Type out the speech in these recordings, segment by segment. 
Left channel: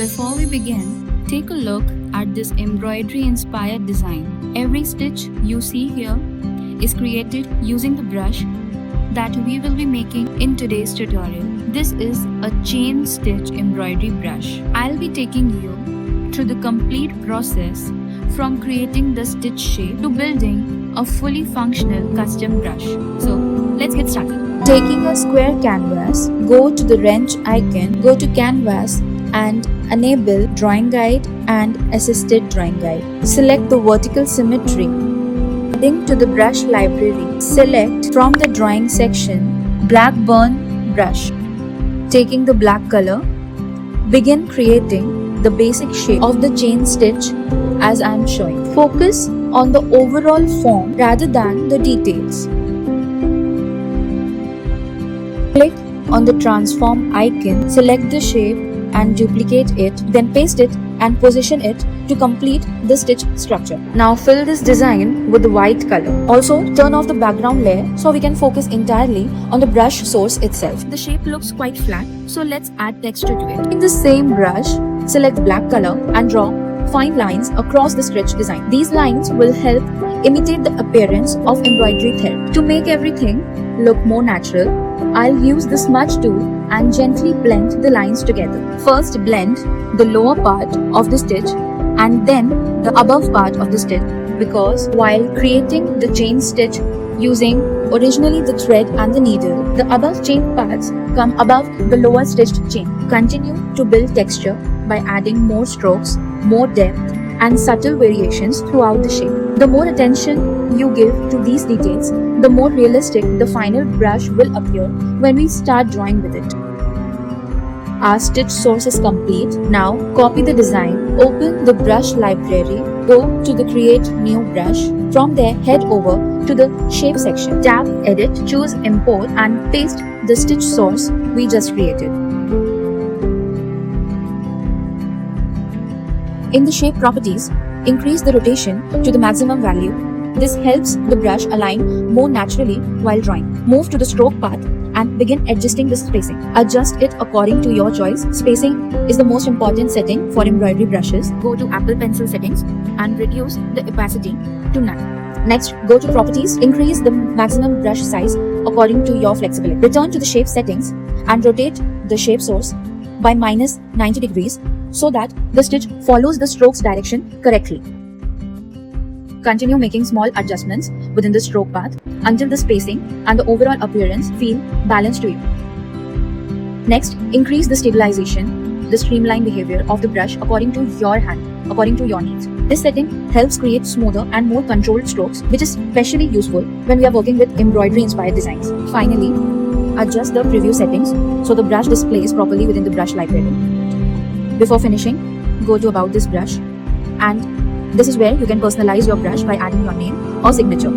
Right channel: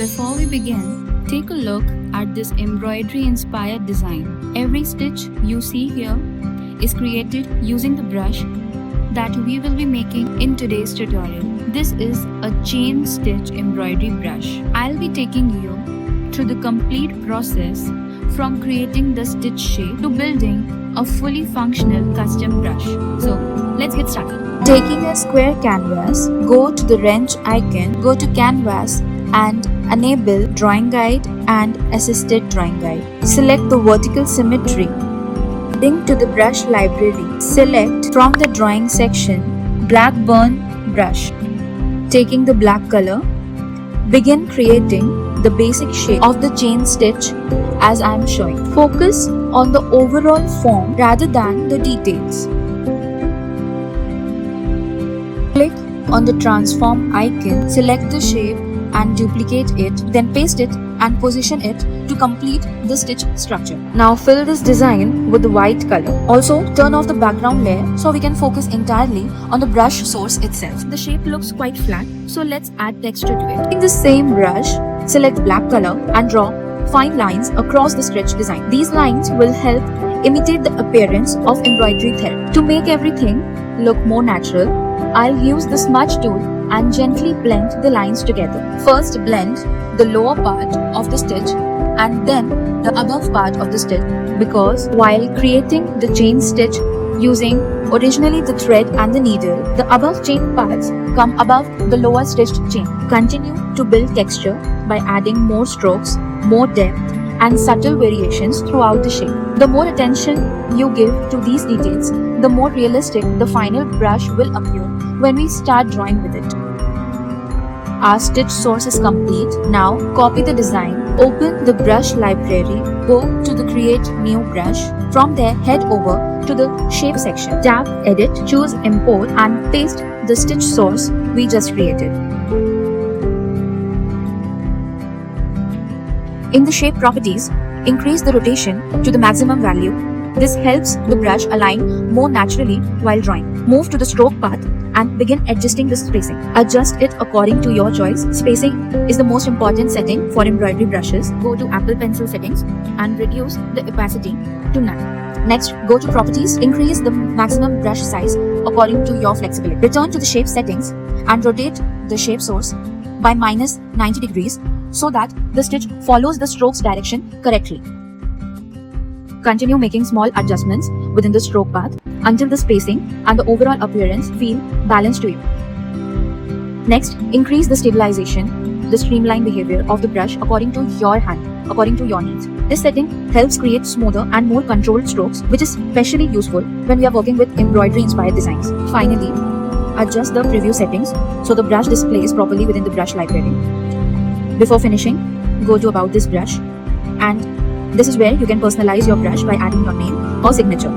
Before we begin, take a look at this embroidery inspired design. Every stitch you see here is created using the brush that we will be making in today's tutorial. This is a chain stitch embroidery brush. I'll be taking you through the complete process from creating the stitch shape to building a fully functional custom brush. So let's get started. Taking a square canvas, go to the wrench icon, go to canvas and enable drawing guide and assisted drawing guide. Select the vertical symmetry. Heading to the brush library, select from the drawing section Blackburn brush. Taking the black color, begin creating the basic shape of the chain stitch as I am showing. Focus on the overall form rather than the details. Click on the transform icon, select the shape and duplicate it, then paste it and position it to complete the stitch structure. Now fill this design with the white color. Also turn off the background layer so we can focus entirely on the brush source itself. The shape looks quite flat, so let's add texture to it. In the same brush, select black color and draw fine lines across the stitch design. These lines will help imitate the appearance of embroidery thread. To make everything look more natural, I'll use the smudge tool and gently blend the lines together. First blend the lower part of the stitch and then the above part of the stitch, because while creating the chain stitch using originally the thread and the needle, the above chain parts come above the lower stitched chain. Continue to build texture by adding more strokes, more depth and subtle variations throughout the shape. The more attention you give to these details, the more realistic the final brush will appear when we start drawing with it. Our stitch source is complete. Now copy the design, open the brush library, go to the create new brush. From there head over to the shape section. Tap edit, choose import and paste the stitch source we just created. In the shape properties, increase the rotation to the maximum value. This helps the brush align more naturally while drawing. Move to the stroke path and begin adjusting the spacing. Adjust it according to your choice. Spacing is the most important setting for embroidery brushes. Go to Apple Pencil settings and reduce the opacity to none. Next, go to properties, increase the maximum brush size according to your flexibility. Return to the shape settings and rotate the shape source by minus 90 degrees so that the stitch follows the stroke's direction correctly. Continue making small adjustments within the stroke path until the spacing and the overall appearance feel balanced to you. Next, increase the stabilization, the streamline behavior of the brush according to your hand, according to your needs. This setting helps create smoother and more controlled strokes, which is especially useful when we are working with embroidery inspired designs. Finally, adjust the preview settings so the brush displays properly within the brush library. Before finishing, go to about this brush, and this is where you can personalize your brush by adding your name or signature.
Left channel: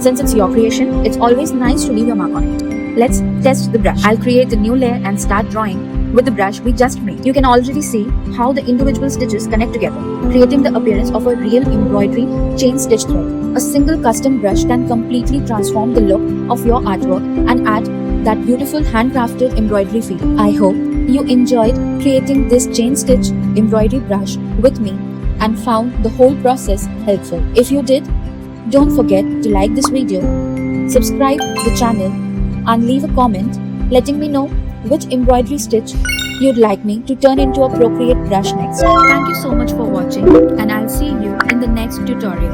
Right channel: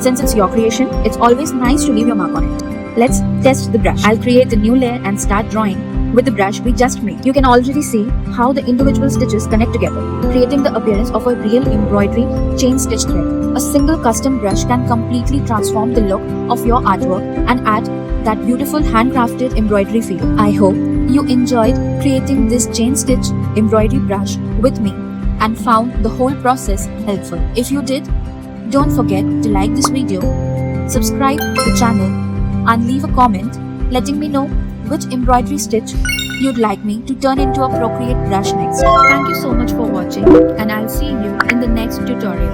Since it's your creation, it's always nice to leave your mark on it. Let's test the brush. I'll create a new layer and start drawing with the brush we just made. You can already see how the individual stitches connect together, creating the appearance of a real embroidery chain stitch thread. A single custom brush can completely transform the look of your artwork and add that beautiful handcrafted embroidery feel. I hope you enjoyed creating this chain stitch embroidery brush with me and found the whole process helpful. If you did, don't forget to like this video, subscribe to the channel and leave a comment letting me know which embroidery stitch you'd like me to turn into a Procreate brush next. Thank you so much for watching and I'll see you in the next tutorial.